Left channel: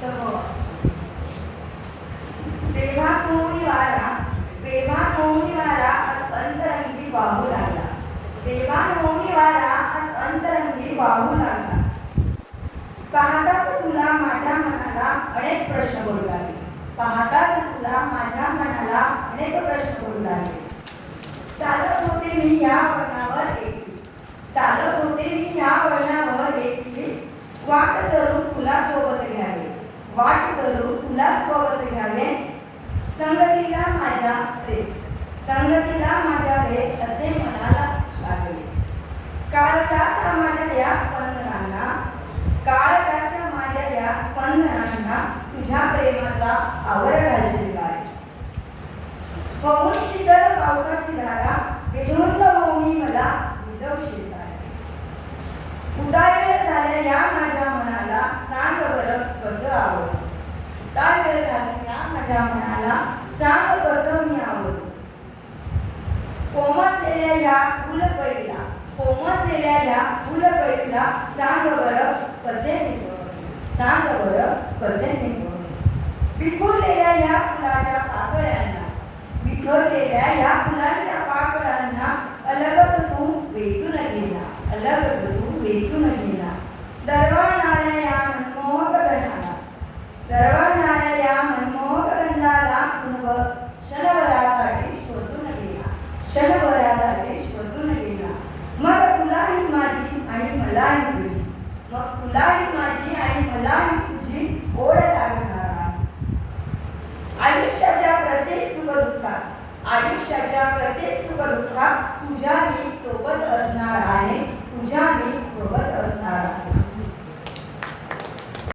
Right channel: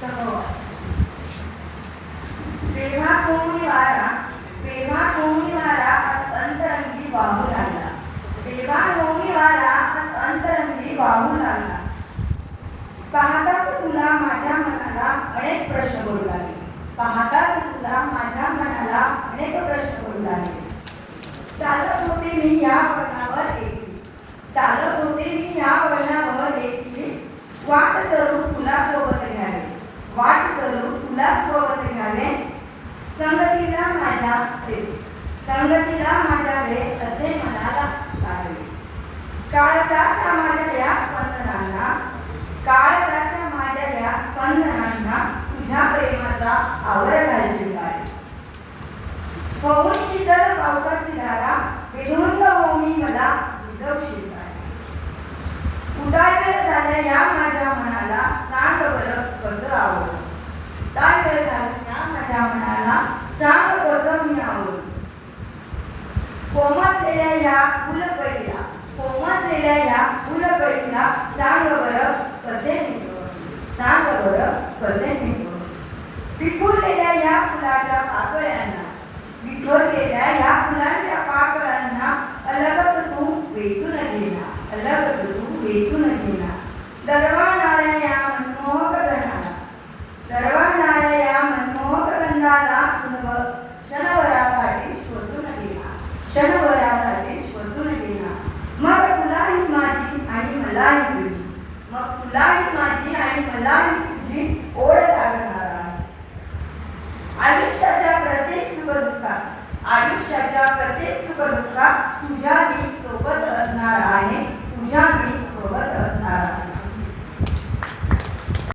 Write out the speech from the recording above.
सहवास. तेव्हा कोणी वारा आज अंतरंगी वाहू लागला. तेव्हा कोणी वारा आज अंतरंगी वाहू लागला. पाहताच तुला माझ्या मनाला अनेक प्रश्न पडू लागले. पाहताच तुला माझ्या मनाला अनेक प्रश्न पडू लागले. चालत होते मी या वळणावर एकटी. चालत होते मी या वळणावर एकटी. वाट सरून तुला सोबत घ्यावे. वाट सरून तुला सोबत घ्यावे. संगतीला माझ्या रे. संगतीला माझ्या रे असे मनाला लागले. काळजाच्या माझ्या या स्पंदनांना. काळजाच्या माझ्या या स्पंदनांना तुझ्या प्रेमाचा आवर घालशील काय. होऊन शीतल पावसाची धारा विधुंद होऊन मला भिजवशील काय. उतार झाल्या या माझ्या मनाला सांग बरं कसं आवड. उतार झाल्या या माझ्या मनाला सांग कसं मी आवड. कोमसलेल्या या फुलकळीला. कोमसलेल्या या फुलकळीला सांग बरं कसे निघव. सांग बरं कसे निघव. विखुरलेल्या या फुलाच्या पाकळ्यांना. विखुरलेल्या या फुलांच्या पाकळ्यांना अलगत तू वेचून गेला. अलगत तू वेचून गेला. दरवळणाऱ्या या मनमोहक गंधाला. दरवळणाऱ्या या मनमोहक गंधाला क्षणभरासाठी श्वसून गेला. क्षणभरासाठी श्वसून गेला. मग तुलाही माझी आणि मलाही तुझी. मग तुलाही माझी आणि मलाही तुझी ओढ लागणार. आयुष्याच्या प्रत्येक सुखदुःखात. आयुष्याच्या प्रत्येक सुखदुःखात तुझ्या मी सोबत असणार आहे. तुझ्या मी सोबत असणार आहे.